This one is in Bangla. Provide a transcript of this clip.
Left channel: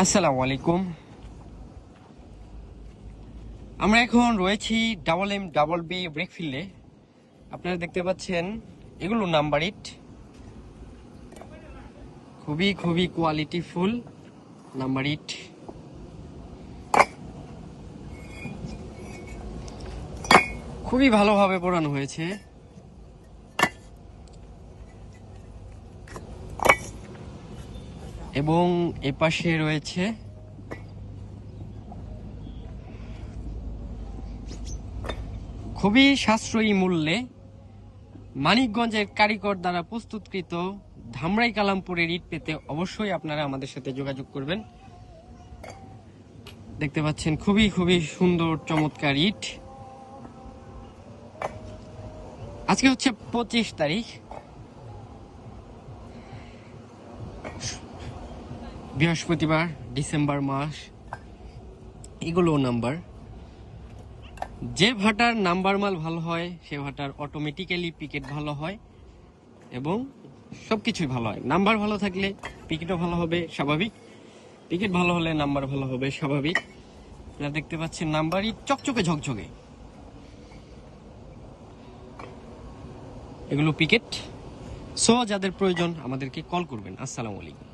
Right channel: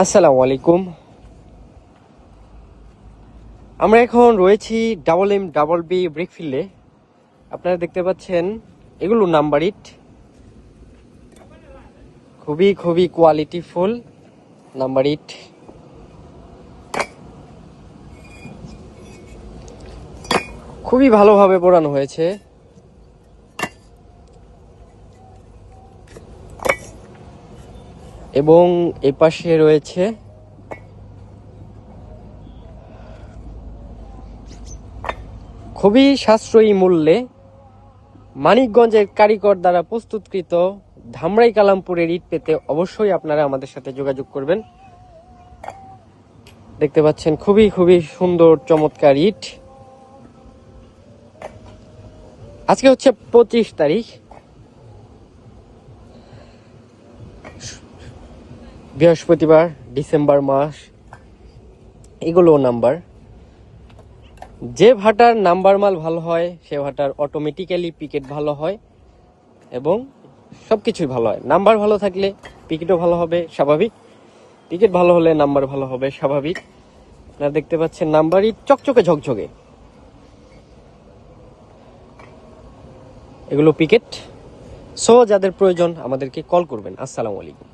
আসসালামু আলাইকুম। আমরা এখন রয়েছি ডাবল বি ব্রিকফিল্ডে। আপনারা দেখতে পাচ্ছেন এগুলো নাম্বার ইট, খুবই খুবই কোয়ালিটিফুল নাম্বার ইট। খুবই ভালোভাবে পোড়ানো হয়েছে। এবং এর পাশে রয়েছে খুবই সাশ্রয়ী মূল্যে মানিকগঞ্জের কারিগর দ্বারা প্রস্তুতকৃত ধামরাই কালামপুরের ইট পেতে অবশ্যই আপনারা আমাদের সাথে যোগাযোগ করবেন। দেখতে পাচ্ছেন খুবই খুবই সুন্দর চমৎকার ইট। আজকে হচ্ছে 25 তারিখ, বৃহস্পতিবার, ডিসেম্বর মাস। এগুলো নাম্বার, যে ভাটার নাম্বার মাল ভালো হয় সে ভাটার অটোমেটিক্যালি পিকেট ভালো হয় এবং সবকিছুই ভালো হয়। নাম্বার ভালো থাকলে পিকেটও ভালো হবে স্বাভাবিক, পিকেট ভালো হলে নাম্বার ভালো হবে স্বাভাবিক। আপনারা দেখতে পাচ্ছেন নাম্বারই চকচকে ঝকঝকে, এগুলো পিকেট। সো যাদের প্রয়োজন আমাদেরকে কল করবেন। আসসালামু আলাইকুম।